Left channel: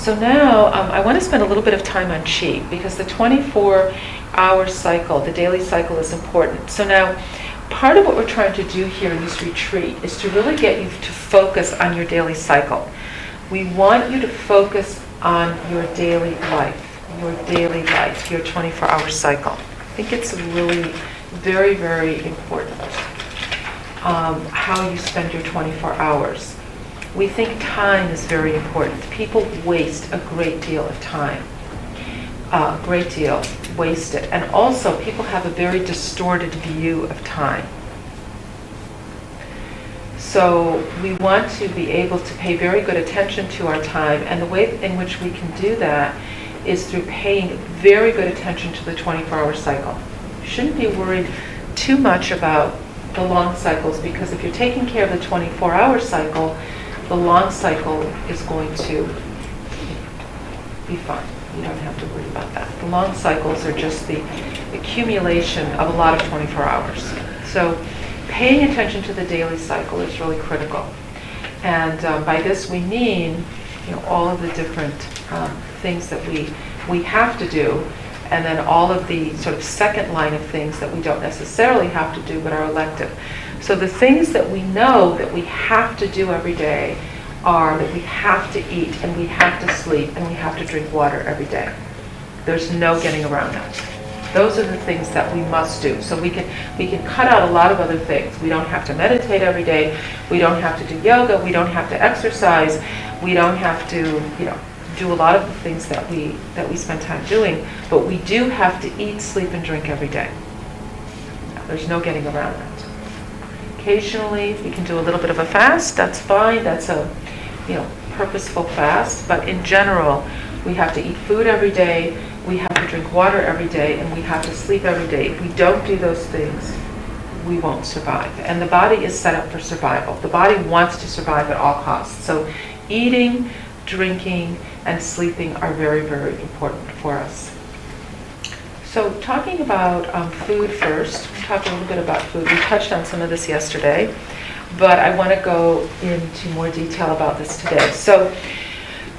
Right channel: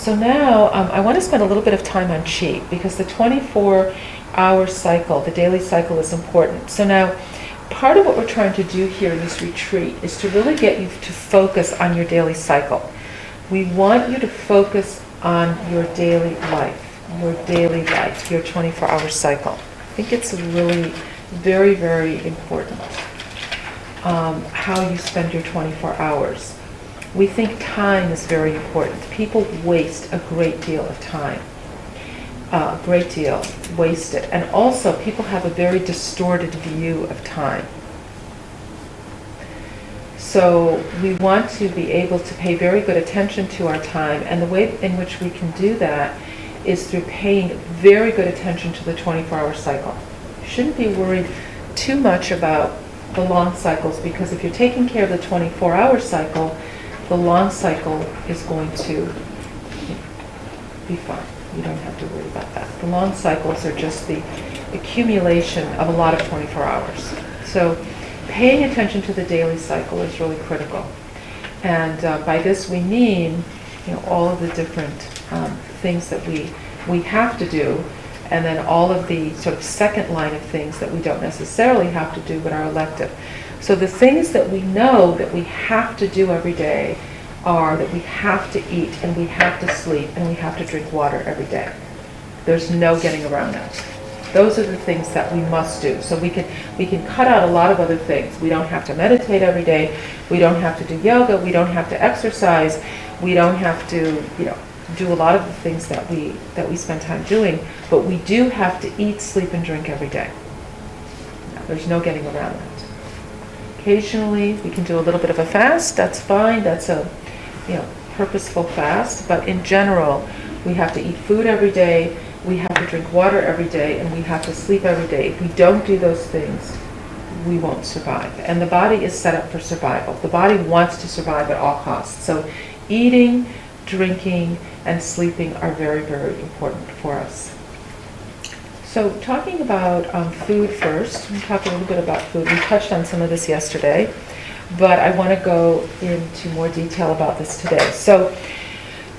So now I want to spend a little bit of time on qi because the 24-hour cycle, the daily cycle, is important. So now part of what we're trying to do here in this retreat is to really get you to focus on your daily cycle. We want you to focus on your daily life, your 24-hour cycle. I think it's really very, very important how you spend your 24 hours. We think time is very important. People waste a great deal of time. Great deal wasted. And also, people have a very distorted view of time. So we want to be able to pay very good attention to our time, and the way in which we can do that is through paying very good attention to the 24-hour cycle. You shouldn't be worried too much about the long cycles, because if you're taking care of the 24-hour cycle, the long cycle is going to be fine. You don't have to worry about that. The long cycles are just the accumulation of a lot of 24 hours. So paying attention to the daily cycle is really critical. And by this we mean, all of the different things that we have to do, and then all of the sort of second line of things that we don't necessarily have to do but are elective. So the things that we know that we have to do every day are that we have to eat, and we have to sleep, and we have to drink water every day. There's no getting around that. Those are the things that we must do. So we can cut out a lot of other things. We don't have to meditate every day. We don't have to do yoga. We don't have to exercise. We don't have to, do a lot of the things that we spend time doing. But we do have to eat, sleep, and drink every day. There's no getting around that. Occasionally, we can do a little bit of a fast. That's fine. That's a, purposeful fast. But in general, we have to eat food every day. We have to drink water every day, and we have to sleep every day. If we don't do those things, we won't survive. And the body is set up for survival. The body wants to survive at all costs. So eating, drinking, and sleeping are very, very important for us. So talking about food first, we'll talk a little bit about food. We touched on some of this yesterday, but I want to go into more detail about this today. So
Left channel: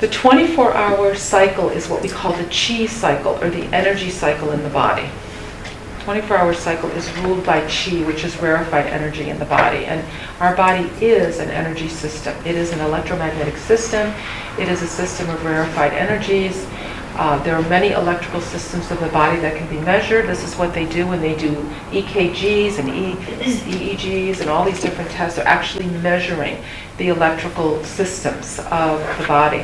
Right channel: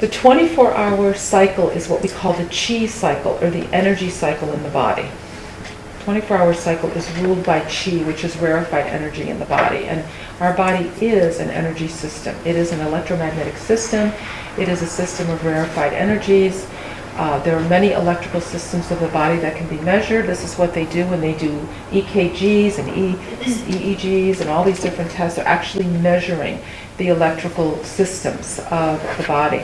the 24-hour cycle is what we call the qi cycle, or the energy cycle in the body. 24-hour cycle is ruled by qi, which is rarefied energy in the body. And our body is an energy system. It is an electromagnetic system. It is a system of rarefied energies. There are many electrical systems of the body that can be measured. This is what they do when they do EKGs and EEGs and all these different tests. They're actually measuring the electrical systems of the body.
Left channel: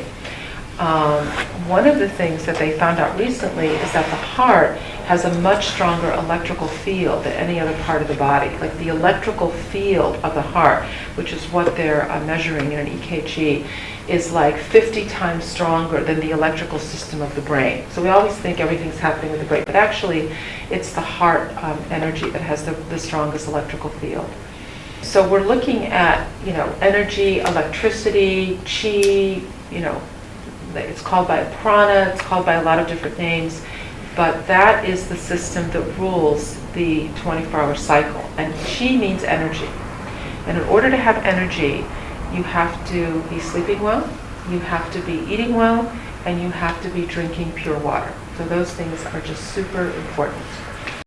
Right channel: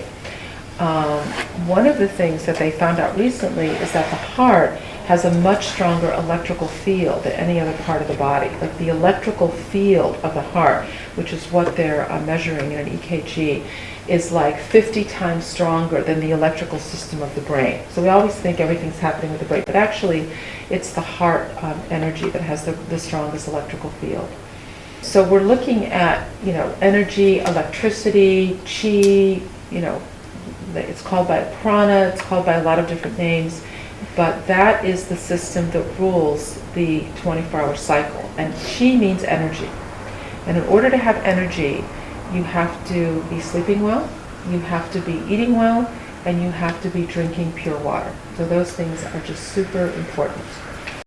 One of the things that they found out recently is that the heart has a much stronger electrical field than any other part of the body. Like the electrical field of the heart, which is what they're measuring in an EKG, is like 50 times stronger than the electrical system of the brain. So we always think everything's happening with the brain, but actually it's the heart energy that has the strongest electrical field. So we're looking at, energy, electricity, qi, it's called by prana, it's called by a lot of different names, but that is the system that rules the 24-hour cycle. And qi means energy. And in order to have energy, you have to be sleeping well, you have to be eating well, and you have to be drinking pure water. So those things are just super important.